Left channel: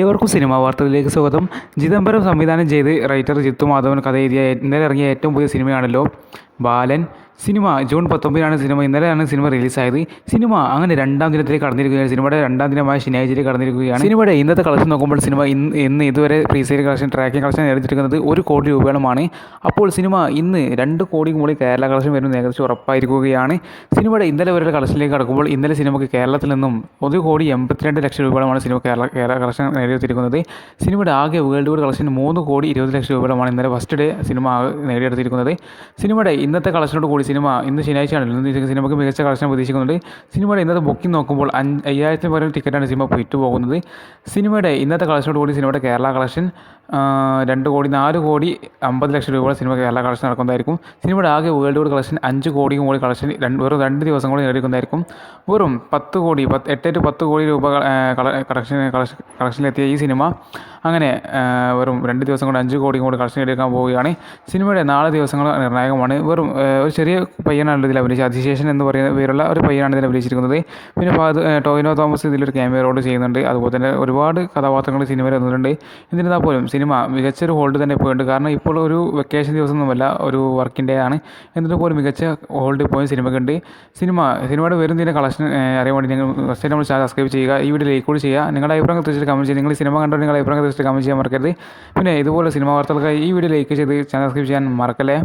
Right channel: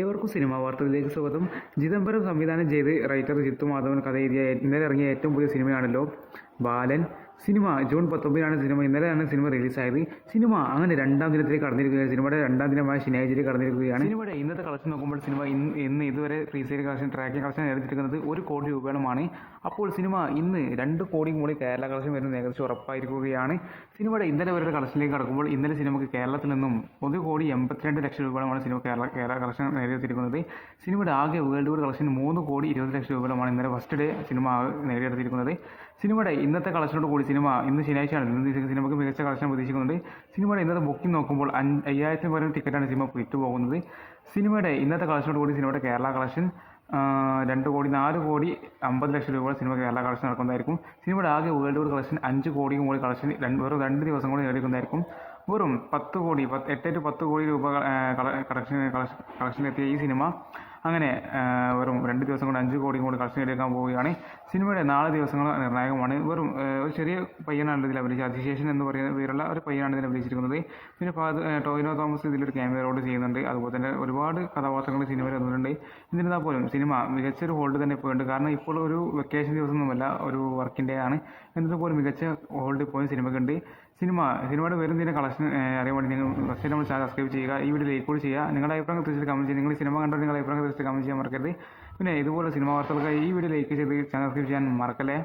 ഏവർക്കും സിനിമാ വാർത്തകളിലേക്ക് സ്വാഗതം. ചിദംബരം സംവിധാനം ചെയ്ത് റൈറ്റർ ജിത്തു മാധവൻ കഥ എഴുതിയ ഇന്നലെ ഇറങ്ങിയ ഏറ്റവും പുതിയ സിനിമയാണല്ലോ ബാലൻ. സിനിമ ജൂൺ 19 സിനിമ. ഇന്നലെയാണ് സിനിമ റിലീസായത്. സിനിമ അങ്ങനെ രണ്ടാം ദിനത്തിലേക്ക് കടന്നിരിക്കുകയാണ്. സിനിമയുടെ രണ്ടാം ദിനമായ ശനിയാഴ്ചയിലേക്ക് കടന്നിരിക്കുകയാണ്. സിനിമയുടെ ഇന്നത്തെ കളക്ഷൻ നോക്കുമ്പോൾ സിനിമ ഇന്ന് ഇതുവരെ പ്രീസെയിൽ കളക്ഷൻ ട്രാക്കിംഗ് കളക്ഷൻ നേടിയിരിക്കുന്നത് 1 കോടി രൂപയോളമാണ്. അപ്പോൾ സിനിമ ഇന്ന് 2 കോടി മുകളിൽ കേരള കളക്ഷൻ വരുന്നത് ഏകദേശം ഉറപ്പായിരിക്കുകയാണ്. സിനിമയുടെ ഇന്നലെ വരെ കളക്ഷനിലേക്ക് കടക്കുമ്പോൾ ഇന്നലെ സിനിമയ്ക്ക് കേരളത്തിൽ നിന്നും 1,82,00,000 രൂപയോളമാണ് സിനിമ കേരള കളക്ഷൻ നേടിയെടുത്തിരിക്കുന്നത്. സിനിമയുടെ ആകെ വേൾഡ് വൈഡ് കളക്ഷൻ 3,20,00,000 രൂപയോളമാണ് ഇന്നലെ ഫസ്റ്റ് ഡേ സിനിമ നേടിയെടുത്തിരിക്കുന്നത്. സിനിമയുടെ ഇന്നത്തെ കളക്ഷനോട് കൂടി സിനിമ ഇന്ന് ശനിയാഴ്ചയാണല്ലോ, ഇന്ന് സിനിമയ്ക്ക് മികച്ച കളക്ഷൻ പ്രതീക്ഷിക്കുന്നുണ്ട്. സിനിമയുടെ ഇന്നത്തെ ബുക്കിംഗ് നോക്കുമ്പോൾ 5,000 പരം ടിക്കറ്റാണ് സിനിമ പോയിട്ട് പോകുന്നത്. സിനിമയുടെ ഇന്നത്തെ കളക്ഷനോട് കൂടി സിനിമയുടെ കേരള കളക്ഷൻ 2,50,00,000 രൂപ സിനിമ കേരള കളക്ഷൻ നടക്കുന്നതായിരിക്കും. സിനിമയുടെ ആകെ വേൾഡ് വൈഡ് കളക്ഷൻ 5 കോടി മുകളിൽ കളക്ഷൻ വെറും 2 ദിവസം കൂടി നേടിക്കുന്നതായിരിക്കും. വെറും 8 to 10 കോടി രൂപ കളക്ഷനിലെത്തിയ ഈ സിനിമ അങ്ങനെ വെറും 2 ദിവസം കൊണ്ട് 5 കോടി കൂടി കളക്ഷൻ എടുക്കാൻ പോവുകയാണ്. സിനിമയുടെ 4 ദിവസങ്ങൾ നിർണായകമാണ്. വെറും ഒരു ചെറിയ പയ്യനാണ് ഇതിൽ അഭിനയിച്ചത്. അതിശേഷൻ എന്ന് പറയുന്ന പേരുള്ള ഒരു പയ്യനാണ് ഇതിൽ അഭിനയിച്ചിരിക്കുന്നത്. പിന്നെ ടോവിനോ തോമസ് ഇതിലൊരു ക്യാമിയോ റോൾ ചെയ്യുന്നുണ്ട്. അതുപോലെ തന്നെ ഒരുപാട് കഥാപാത്രങ്ങൾ സിനിമയിൽ വന്നിട്ടുണ്ട്. എന്നിരുന്നാൽ പോലും സിനിമ മികച്ചൊരു ഹോൾഡ് തന്നെ പോയിട്ടുണ്ട്. കാരണം ഇപ്പോൾ ഒരു വെക്കേഷൻ ദിവസമൊന്നുമല്ല, ഒരു വർക്കിംഗ് ഡേ ആണ്. എന്നിട്ട് പോലും മികച്ച ഹോൾഡ് പോയി സിനിമയ്ക്കുണ്ട്. സിനിമയുടെ വരും ഇതിൻ്റെ കളക്ഷൻ അറിയാൻ വേണ്ടി നിങ്ങൾ ഫസ്റ്റ് നമ്മൾ ചാനൽ സബ്സ്ക്രൈബ് ചെയ്യുക. ഈ വീഡിയോ ലൈക്ക് കൂടി ചെയ്യുക. നിങ്ങളുടെ അഭിപ്രായം തീർച്ചയായിട്ടും കമൻറ്റ് ചെയ്യുക. നിങ്ങൾ സിനിമ കണ്ടോ നിങ്ങളുടെ അഭിപ്രായം തീർച്ചയായിട്ടും കമൻറ്റ് ചെയ്യാൻ മറക്കരുത്. പിന്നെ ഇതുപോലെ സിനിമ വാർത്തകൾക്കായി ഈ വീഡിയോ ലൈക്ക് ചെയ്ത് ചാനൽ സബ്സ്ക്രൈബ് ചെയ്യാൻ മറക്കല്ലേ.